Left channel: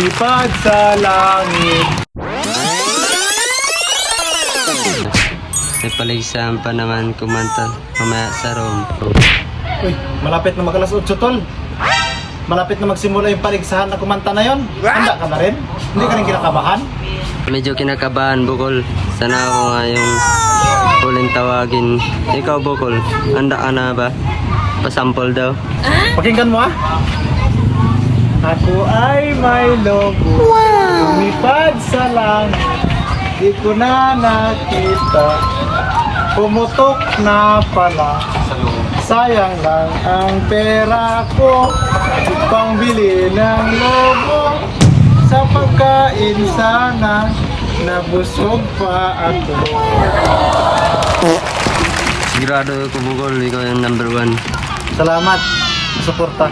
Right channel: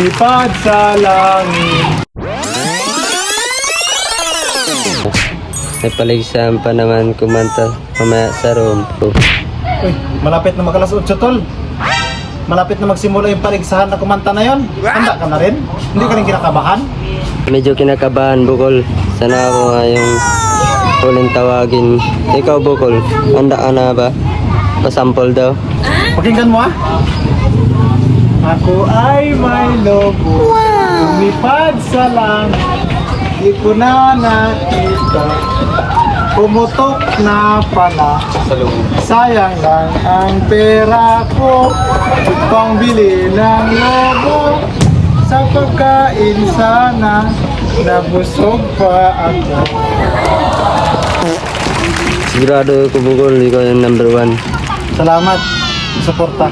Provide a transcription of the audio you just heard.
lumipad sa langit. May paligsahan pa naman kumanta mamaya sa room. Uy, malapit na makalas 8 tol. Malapit na magsimula yung paligsahan na kumanta na yon. Handa ka na rin? Hindi ka rin kinakabahan? Medyo kinakabahan, Bukol. Sana ako ngayong huling tawagin. Ikaw, Bukol, handa ka na ba? Pasample daw. Pakinggan mo ah. Ako ay may lobo, lumipad sa langit, di ko na nakita, pumutok na pala, sayang lang ang pera ko, pangbili ng lobo, sa pagkain sana, nabusog pa ako. Sigurado ito, Bukol, ikaw yung number 1. Salamat, suporta.